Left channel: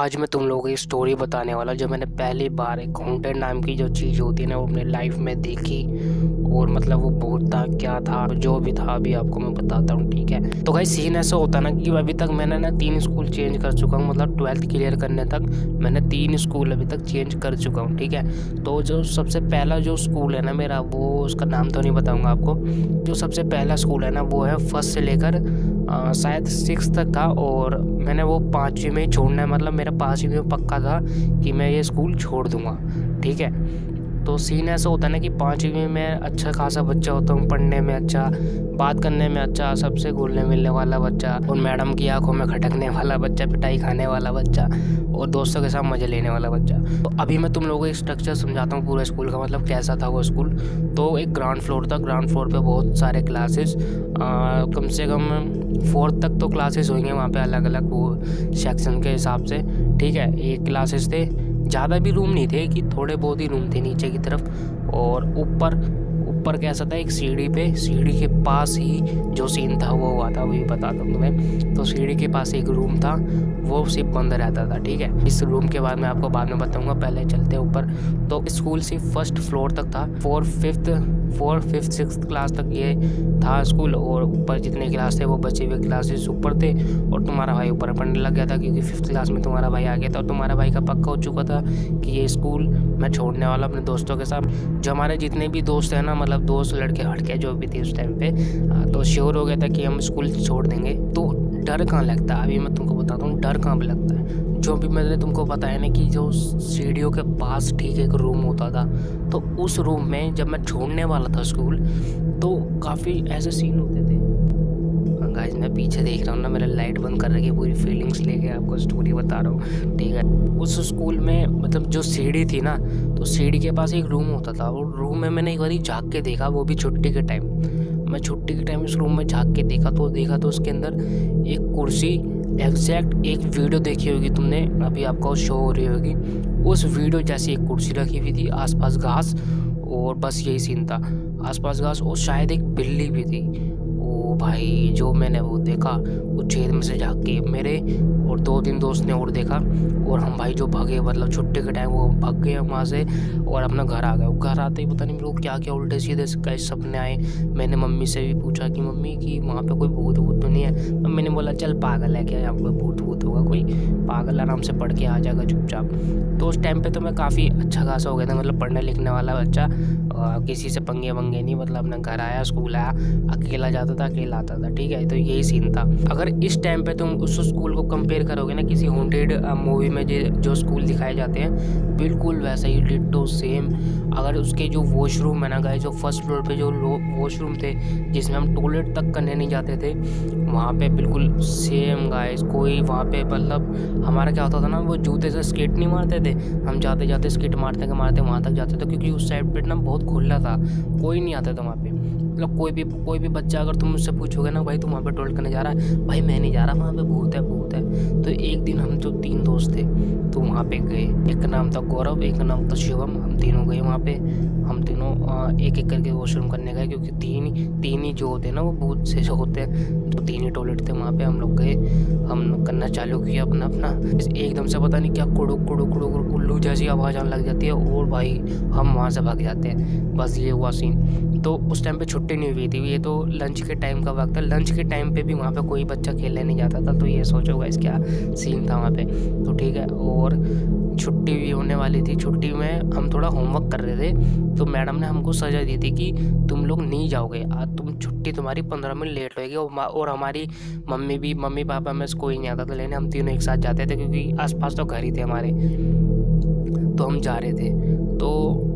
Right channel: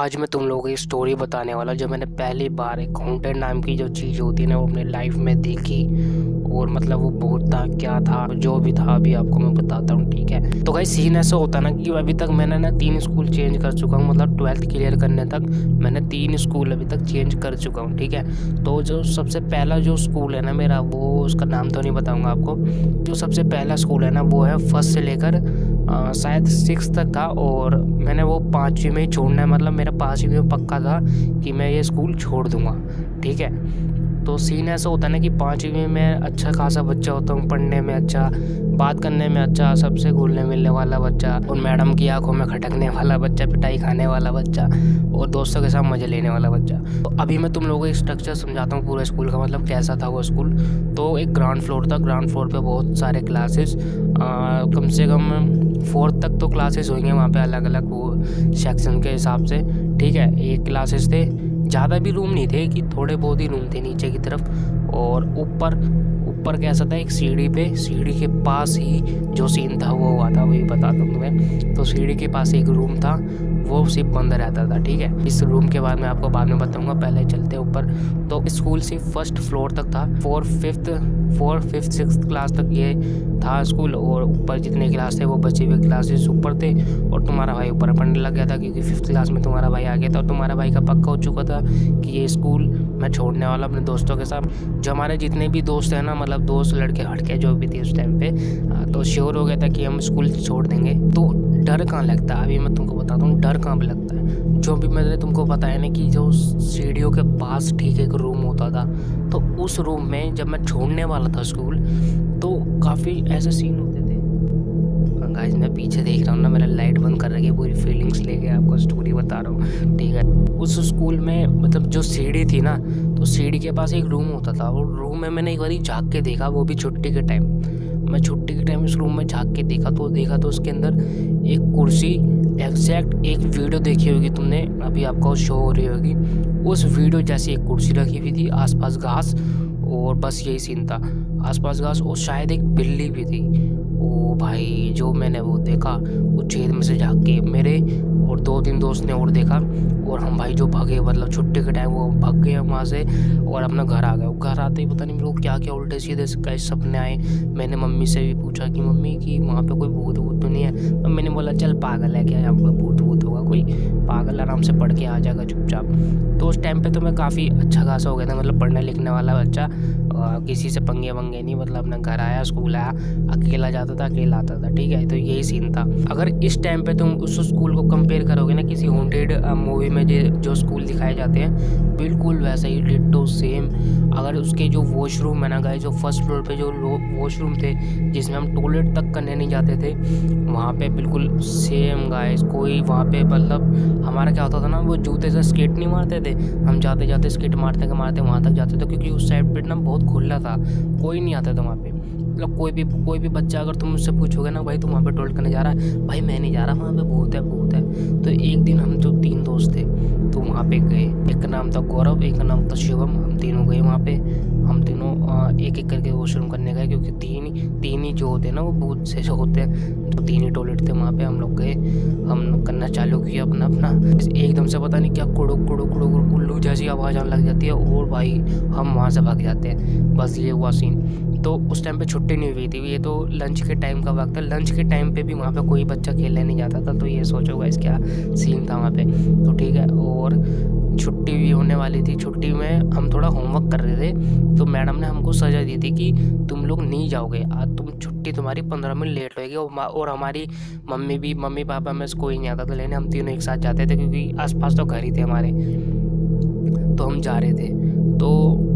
आज मैं तुम लोगों को ये स्टोरी बताने वाला जो मैंने पहली बार एक हॉन्टेड नाम की जो चीज़ होती है ना वो अपने लाइफ में देखी। और मतलब वो बहुत था क्या था जो भी था अभी आपको मैं बताता हूँ, ठीक है। तो गाइस सीन ऐसा होता ना कि अभी तक मैंने ना 3 स्कूल चेंज कर चुका हूँ, मतलब 12th क्लियर करने तक मैंने 3 स्कूल अभी तक चेंज कर चुका हूँ, ठीक है। तो जो सबसे पहला जो स्कूल है ना मेरा, वो उसका नाम तो नहीं बताऊँगा आपको। जो सबसे पहला स्कूल है ना वो है फर्स्ट से लेकर शायद 6 तक था, और मैंने वो 5वीं में ही छोड़ना है, मतलब मेरा 5वीं में पक्का था कि मैं ये स्कूल छोड़ दूंगा, ठीक है। तो सीन ऐसा होता है ना कि 5वीं में अच्छा खासा बच्चा होता हूँ, पढ़ने में अच्छा, बात करने में अच्छा, सबसे घुलने मिलने वाला बच्चा, और मैडम की आंखों में खटकने वाला बच्चा, पिटाई खाने वाला बच्चा, और दोस्तों के साथ मज़े लेने वाला बच्चा। तो अभी मैं तुम लोगों को एक स्ट्रक्चर समझाता हूँ पूरे स्कूल का, मतलब कैसा था वो स्कूल। तो एक ग्राउंड फ्लोर था, ग्राउंड फ्लोर पे बहुत सारे क्लासेस, कम से कम 4th तक तो क्लासेस होंगे वहाँ पे, अलग अलग वो सेक्शन के हिसाब से, ठीक है। एक क्लासेस थे, ज़्यादा भी रूम नहीं थे कि थोड़े बहुत ही रूम थे नीचे की तरफ। और ऊपर कैसा था, एक सीढ़ी के पास ही जो सीन था वो हुआ था, वही बताता हूँ तुम्हें। तो सीढ़ी के पास एक रूम था, वो सिर्फ बंद रहता था, ठीक है। इस रूम के बाद मैं आपको बाद में बताऊंगा, पहले चलते ऊपर। तो स्कूल सिर्फ 1st फ्लोर तक था, 4th 5th 6th क्लास तक ये था स्कूल, और ऊपर जितने क्लास थे वो बचे हुए क्लासेस ऊपर थे। और तुम्हारा भाई ऊपर पढ़ने लग गया था क्योंकि 5th क्लास में तुम्हारा भाई आ गया था, और तुम्हारा भाई का पक्का हो चुका था कि ये स्कूल मैं छोड़ने वाला अपने दोस्तों के साथ। जो हमारे जितने भी दोस्त हैं ना, मतलब दोस्त लड़के हटके जो भी थे उस टाइम पे, तो श्योर हो गया था कि हम स्कूल छोड़ देंगे। तो डर कहाँ लगता है, अभी मैं तुमको बताता हूँ डर कहाँ पे लगता है। जो भी मैंने तुमको बताया ना कि जो सीढ़ियों के पास ठीक एक रूम होता था, तो उस रूम में जब मैं छोड़ने वाला था स्कूल, तो काफ़ी ऐसे सीन होते थे। गाइस मैं पीछे देख रहा हूँ ना, मेरा लाइट बंद कर रखी है, पूरी फीलिंग्स लेके आपको स्टोरी बता रहा हूँ, ठीक है। उस स्कूल में मतलब जो सीढ़ी थी ना, तो सीढ़ी के पास एक रूम होता था, और रूम में मैंने एक बार झाँक के देखा, वो भी छुट्टी के टाइम। मैं छुट्टी के टाइम उस रूम में झाँक के देखा तो उसके अंदर एक कुर्सी, एग्जैक्ट एक वीडियो देखी होगी तुमने, अभी आपको शो हो रही होगी, उस वीडियो जैसी एक कुर्सी रखी हुई थी, आसपास घास, और बस यही सीन था, आसपास घास, और शायद एक बिल्ली भी थी। ओ भाई जो मैंने वो देखा, वो छेद में से झाँक के मेरे और 2-3 दोस्त ने और देखा, और हम भाई जो भागे, मतलब छुट्टी के टाइम वो भाग गए वहाँ से और अपना घर आ गए। घर आते ही पता नहीं मेरे को क्या क्या उल्टे सीधे कैसे सपने आए। मैंने मम्मी से भी पूछा कि मम्मी कि वहाँ पे कोई भूत वूत तो नहीं है। मम्मी ने बोला चल पागल है क्या, यहाँ पे भूत वूत होगा कोई, पागल आराम से पढ़ के आ जाएगा चुपचाप। तो उस टाइम पे तो मैं काफ़ी अच्छा खासा हो गया था, मतलब पढ़ने लिखने वाला बच्चा, किसी से पंगे वंगे नहीं, मतलब अपना घर आया, स्कूल आया, अकेला जाता था, अकेला आता था, ठीक है। तो यही सीन था। अगर इस टाइम पे तुम उस स्कूल को कंपेयर करोगे ना किसी हॉन्टेड मूवी में जो स्कूल दिखाए जाते हैं, बिल्कुल वैसा ही डिट्टो सेम। अगर उसके जो वॉशरूम है ना गाइस, जो फर्स्ट फ्लोर पे जो वॉशरूम थे जिसमें हम टॉयलेट तक करने नहीं जाते थे, वहाँ पे बिल्कुल सेम गाइस। कोई वहाँ पे मतलब हमारा क्या होता था ना, वो जूते से स्केट नहीं मारते थे, हम जाते जाते स्केट मारते वहाँ तक जाते थे, क्योंकि उस साइड पे ना बहुत खुला था, कोई नहीं आता था वहाँ पे। मतलब कोई भी बच्चा अगर तुम मुझसे पूछोगे ना भाई तुम वहाँ पे टॉयलेट करने जा रहा है, भाई मैं नहीं जा रहा, वहाँ पे भूत है भूत है। तो एक दिन हम जो 3 दोस्त थे तो वहाँ पे गए, एक का नाम था गौरव, एक का नाम था शिवम, हम तीनों गए वहाँ पे। हम तीनों एक एक करके वॉशरूम करने गए, क्योंकि तीन ही जो होते हैं ना वो भूत से जो होते हैं, तो 3 ही टॉयलेट थे वहाँ पे। हम लोग गए, हम करना चालू किया अपना एकदम से पता नहीं क्या कुड़ुक कुड़ुक कुड़ुक उल्लू जैसी आवाज़ आने लग जाती है, और भाई हम वहाँ से भाग जाते हैं। बस ये हुआ सीन। तो उस टाइम पे छुट्टी नहीं हुई थी, ये तो लंच के टाइम का वक्त था। लंच के टाइम पे भी वहाँ पे कोई बच्चा खेलने नहीं जाता था, तो ये सोचो गाइस क्या सीन था वहाँ पे। तो ठीक है, और छुट्टी भी होने वाली थी। छुट्टी में हम थोड़ा होमवर्क कर रहे थे, तो मैडम ने हमको सजा दी थी कि तुम लोग नहीं जाओगे आज, छुट्टी तुम्हारी 15 मिनट लेट होएगी। और हमारी मम्मी पापा में से कोई नहीं आता था लेने, हम तीनों एक साथ जाते थे, क्योंकि आसपास तो घर ही थे हमारे, तो हम जा रहे थे। तो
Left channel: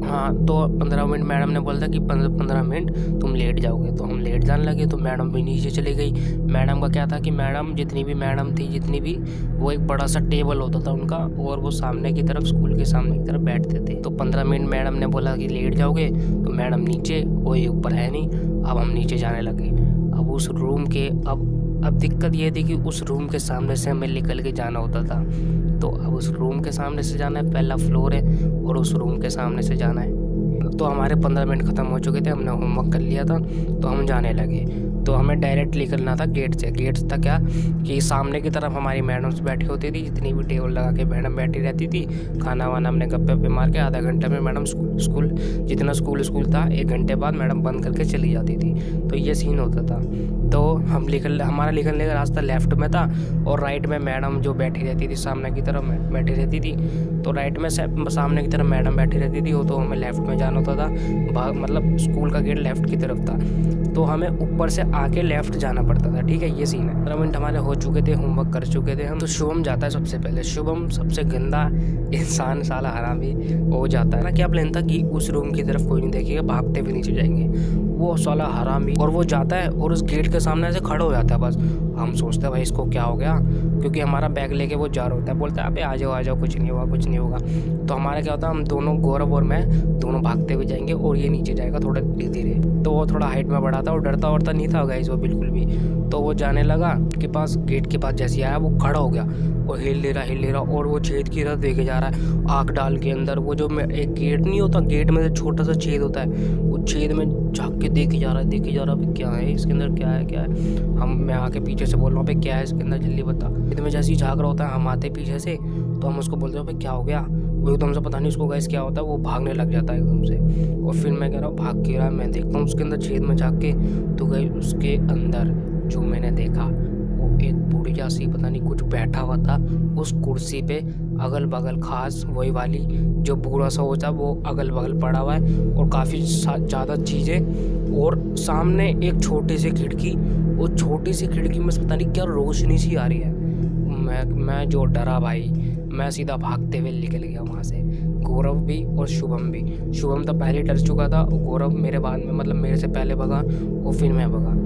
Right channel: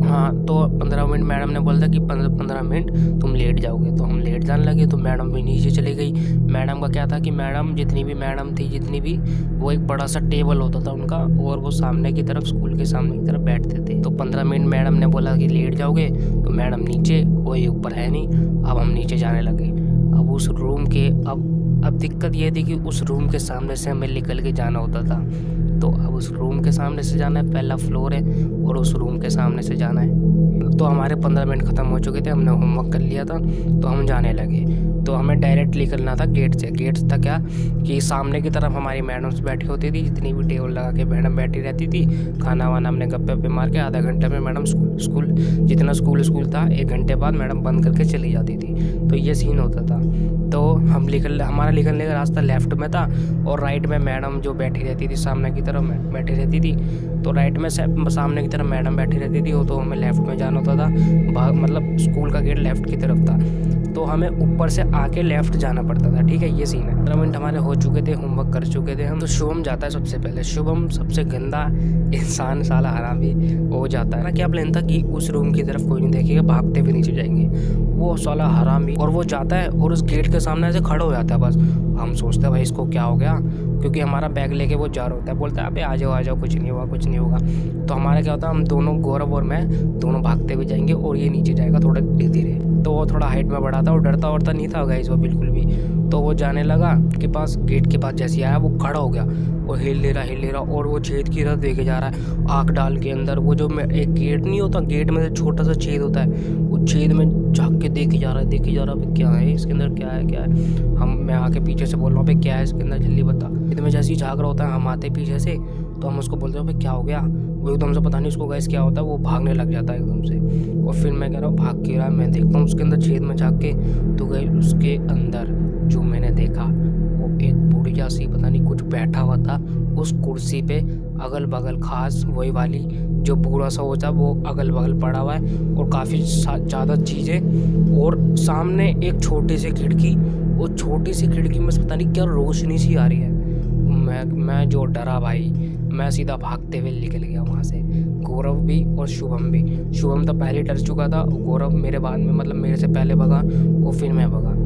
हाँ, तो 15 मिनट मैडम ने बोला था कि 15 मिनट तुम लेट जाओगे, तो हम लेट जाने लगे। तो मैडम भी नीचे चली गई। मैडम का क्या था कि जितनी भी वो एक बड़ा सा टेबल होता था उनका, और वो सामने की तरफ, स्कूल के सामने की तरफ बैठते थे। तो 15 मिनट मैडम ने बोला कि लेट जाओगे, तो मैडम नीचे, कोई ऊपर है नहीं। अब हम नीचे जाने लगे। अब उस रूम के अब दिक्कत ये थी कि उस रूम के सामने से हमें निकल के जाना होता था। तो अब उस रूम के सामने से जाना है, पहला फ्लोर है और उस रूम के सामने से जाना है। तो हमारे 15 मिनट ख़त्म हो चुके थे, हमने होमवर्क कर लिया था, तो हम जाने लगे। तो हमें डायरेक्ट निकलना था गेट से। गेट था क्या कि सामने की तरफ हमारी मैडम्स बैठी होती थी, जितनी भी टेबल लगा के मैडम बैठी रहती थी। खाना वाना हमने गप्पे पे मार के आधा घंटे में मैडम स्कूल जितना स्कूल था 1 घंटे बाद मैडम बंद करके चली जाती थी। तो ये सीन होता था। तो हमारा निकलने का रास्ता लेफ़्ट में था और राइट में मैडम जो बैठी रहती थी सामने की तरफ बैठी रहती थी। तो राइट में सामने की तरफ मैडम बैठी रहती थी, वो तो हमें लेफ़्ट में जाना होता था। मतलब स्कूल का गेट लेफ़्ट की तरफ था, तो हमें ऊपर से आके लेफ़्ट जाना पड़ता था। ठीक है, ये सीन है। 15 मिनट हमारे हो चुके थे, होमवर्क कर चुके थे हम। तो शुभम जाता है सबसे पहले। शुभम सबसे गंदा इंसान, साला हरामी हो जाता है ना। क्या प्लान था कि उस रूम की तरफ कोई नहीं देखेगा, भागते हुए नीचे जाएंगे। वो साला हरामी, और वो जाता है और उस गेट के सामने ऐसे खड़ा हो जाता है बस। हम सोचते हैं भाई इसको क्या हो गया, क्योंकि हमारा बैग लेके वो जा रहा होता है। बोलता है अबे आ जाओ, कुछ नहीं होगा, कुछ नहीं होगा। तो हमारा क्या होता है, हम दोनों, गौरव और मैं दोनों भागते हुए जाएंगे और ये नीचे जाएगा थोड़ा धीरे धीरे। तो वो थोड़ा हाइट में बड़ा था और डरता वरता नहीं था गाइस वो बिल्कुल भी। तो वो जाने लगा के पास, गेट के पास जैसे आया वो खड़ा हो गया और हिल ले रहा और वो छेद की तरफ देखे जा रहा है आँख डाल के अंदर। वो जो एक गेट नहीं होता, गेट में छोटा सा छेद होता है, वो छेद में झाँक के देखे जा रहा है क्या है इसके अंदर, क्या है। मैं आके पीछे से बोल रहा हूँ क्या है इसके अंदर, जल्दी बता। छेद में जैसे ही झाँक रहा होता है, हम आते पीछे से, तो हम उसको बोलते हैं क्या हो गया। वो एकदम से पता नहीं उसको गाइस क्या होता है, वो भागने लग जाता है एकदम से। और फिर मैं कह रहा हूँ भाग के रहा है, मैं देखता हूँ उसके अंदर छेद में झाँक के, तो गाइस उसके अंदर जो मैंने देखा वो एक बुढ़िया सी पता नहीं कुछ बैठा हुआ था उस कुर्सी पे। अगल बगल खास वही वाली जो बूढ़ा सा होता है वो अगल बगल पड़ा हुआ है, और काफ़ी ज़्यादा चीज़ें। और सामने एक छोटी सी खिड़की, वो छोटी सी खिड़की में पता नहीं क्या रोशनी सी आ रही है। मैं जो डरा भाई, मैं सीधा भागते हुए निकल गया वहाँ से। गौरव भी और शुभम भी। शुभम तो पहले डर चुका था, गौरव मेरे बाद में, मतलब मेरे से पहले भगा और फिर मैं भगा।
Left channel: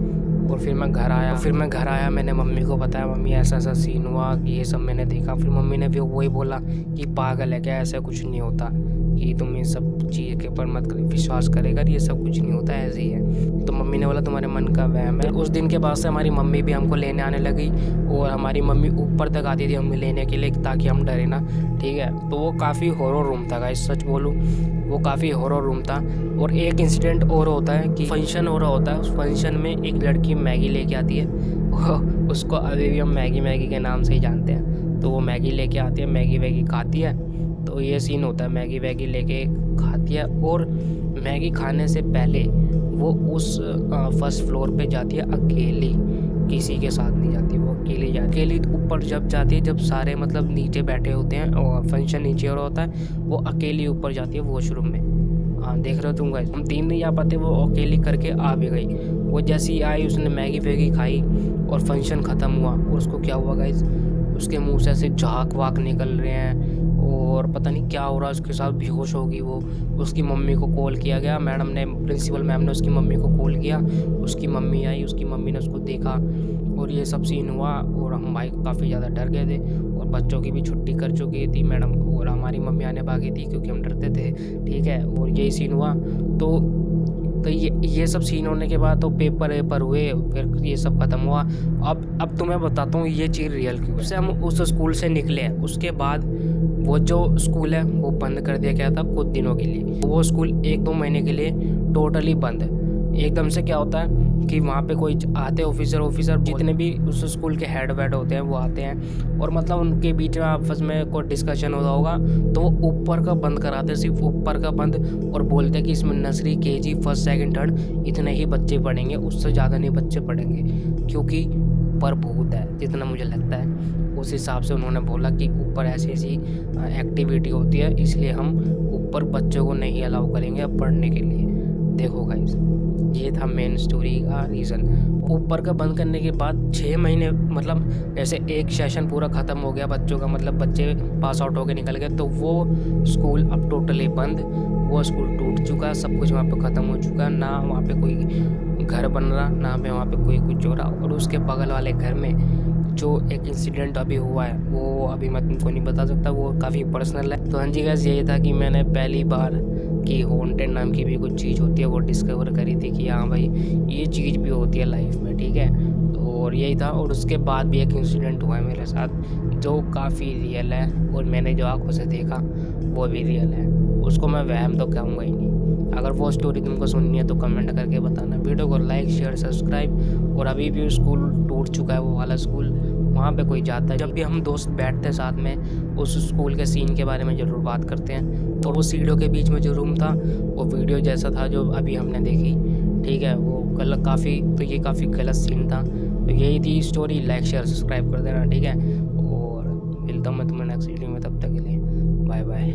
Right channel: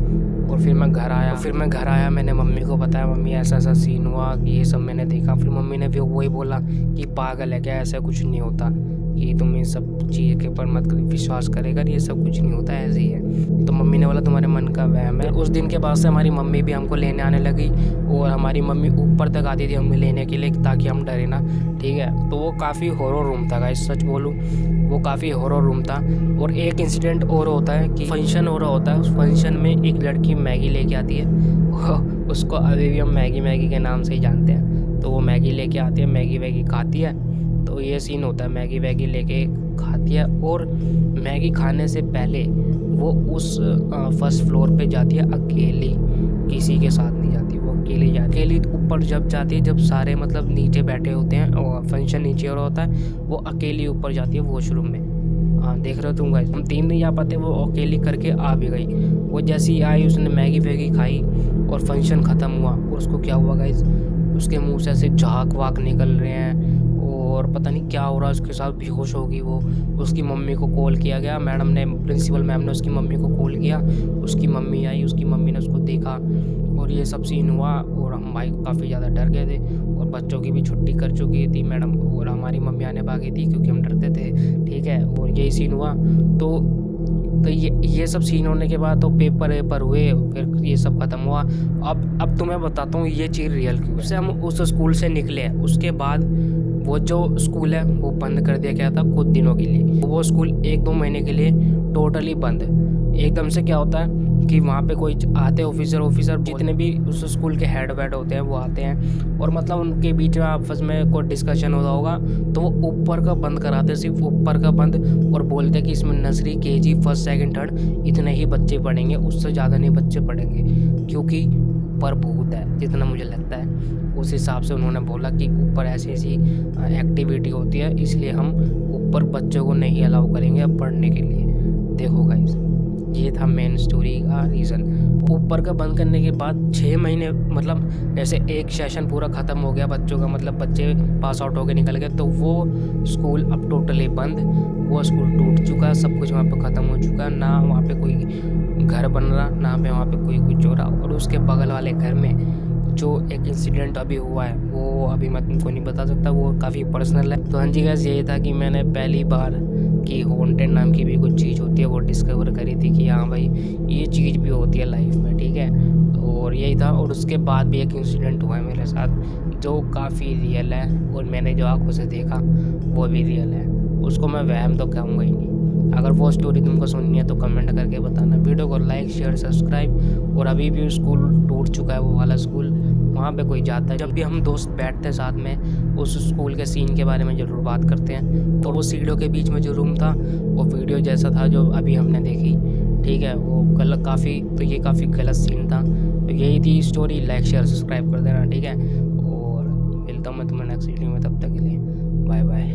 और फिर मैं घर आया, मैंने मम्मी को बताया, मम्मी ऐसा सीन हुआ कि ये सब मैंने देखा। फिर मम्मी ने भी वही बोला कि पागल है क्या, ऐसा कुछ नहीं होता, कि तुम ये सब चीज़ के ऊपर मत विश्वास करेगा, ये सब कुछ नहीं होता, ऐसे ही है। तो मम्मी ने बोला तुम्हारे मन का वहम है। उस दिन के बाद से हमारी मम्मी भी हमको लेने आने लगी, और हमारी मम्मी ऊपर तक आती थी हमें लेने के लिए, ताकि हम डरे ना। ठीक है, तो वो काफ़ी हॉरर रूम था गाइस, सच बोलूँ वो काफ़ी हॉरर रूम था। और एक इंसिडेंट और होता है कि फंक्शन हो रहा होता है, उस फंक्शन में एक लड़की मैगी लेके आती है। उसको अभी भी हम मैगी के नाम से ही जानते हैं। तो वो मैगी लेके आती है, मैगी खाती है। तो ये सीन होता है, मैगी लेके खाती है, और मैगी खाने से पहले वो उस फर्स्ट फ्लोर पे जाती है अकेली, किसी के साथ नहीं जाती, वो अकेली जाती। अकेली ऊपर जब जाती है, जब सारे मतलब नीचे बैठे होते हैं और फंक्शन नीचे हो रहा होता है, वो अकेली ऊपर जाती है वॉशरूम में। हाँ देख रहे हो तुम गाइस, हम 3 नहीं जा पाते, वो अकेली करके आ भी गई। वो जैसी ही आई, उसने मैगी खाई और फंक्शन ख़त्म हुआ। और उसको क्या हुआ गाइस, उसके मुंह से ऐसे झाग वाग निकल रहे हैं और पता नहीं क्या हो रहा है उसके साथ, बेहोश होगी वो। उसकी मम्मी को कॉल किया गया, मैडम ने, प्रिंसिपल मैम ने उसकी मम्मी को कॉल किया। उसकी मम्मी आई, उसकी मम्मी ने उसको देखा और ये सब सीन हुआ। और हम भाई काफ़ी ज़्यादा डर गए थे, और बच्चों की भी छुट्टी कर चुकी थी मैडम, और हमारी मम्मी आने भागी थी क्योंकि हम डरते थे। ठीक है, और यही सीन हुआ। तो ये सब सीन होने के बाद तो पेपर हुए, फिर ये सब ख़त्म हुआ। अब तुम्हें बताता हूँ ये चीज़ रियल क्यों है। उससे हम उस स्कूल से निकले हैं, उसके बाद वो जो स्कूल है वो बंद कर दिया गया था कुछ दिनों के लिए। वो स्कूल 1-2 महीने के लिए टोटली बंद। एकदम से क्या होता है कि वहाँ पे कोई आते ऑफिसर जितने भी उस स्कूल के हेड वेड होते हैं वो आते हैं, और मतलब उनके बीच में आपस में कोई डिस्कशन होता होगा, तो वो ऊपर का बंद कराते, सिर्फ ऊपर का बंद, और बोलते हैं कि इसमें nursery, KG, first, second, third इतने ही बच्चे पढ़ेंगे, उससे ज़्यादा नहीं बच्चे पढ़ेंगे, क्योंकि ऊपर भूत है, जितना मुझे लगता है। उस हिसाब से उन्होंने बोला कि ऊपर ऐसी एक्टिविटी होती है, इसलिए हम ऊपर बच्चों को नहीं अलाउ करेंगे अब पढ़ने के लिए। देखो गाइस, ये था मेन स्टोरी का रीज़न। ऊपर का बंद करने के बाद 6 महीने, मतलब जैसे एक सेशन पूरा ख़त्म हो गया बच्चों का, मतलब बच्चे पास आउट होकर निकल गए, तो वो स्कूल अब टोटली बंद। वो स्कूल टूट चुका, सब कुछ वहाँ पे ख़त्म हो चुका, ना वहाँ पे कोई घर बन रहा, ना पे वहाँ पे कोई कुछ हो रहा। और उसके बगल वाले घर में जो एक इंसिडेंट अभी हुआ है वो अभी मैं तुमको नहीं बता सकता, वो काफ़ी पर्सनल है। तो हाँ जी गाइस, यही था कि मैंने पहली बार कि हॉन्टेड नाम की भी कुछ चीज़ होती है वो डिस्कवर करी थी कि हाँ भाई ये चीज़ भी होती है लाइफ में। ठीक है, और यही था। और उसके बाद भी एक इंसिडेंट हुआ है मेरे साथ जो काफ़ी रियल है, और मैंने जो आँखों से देखा वो भी रियल है। उसको मैं वहम तो कहूँगा ही नहीं, अगर वो स्टोरी तुमको सुननी है तो कमेंट करके बताना। वीडियो को लाइक शेयर सब्सक्राइब। और अभी भी स्कूल टूट चुका है वो वाला स्कूल, वहाँ पे कोई जाता है। जब भी हम दोस्त बैठते साथ में उस स्कूल के सीन के बारे में ज़रूर बात करते हैं। तो वो सीढ़ियों के बीच में जो रूम था वो वीडियो जैसा था जो अभी हमने देखी, ठीक है, वो गलत काफ़ी, तो ये काफ़ी गलत सीन था। तो यही थी स्टोरी। लाइक शेयर सब्सक्राइब कर देना, ठीक है। और मिलता हूँ मैं तुम्हें नेक्स्ट वीडियो में, तब तक के लिए बाय बाय।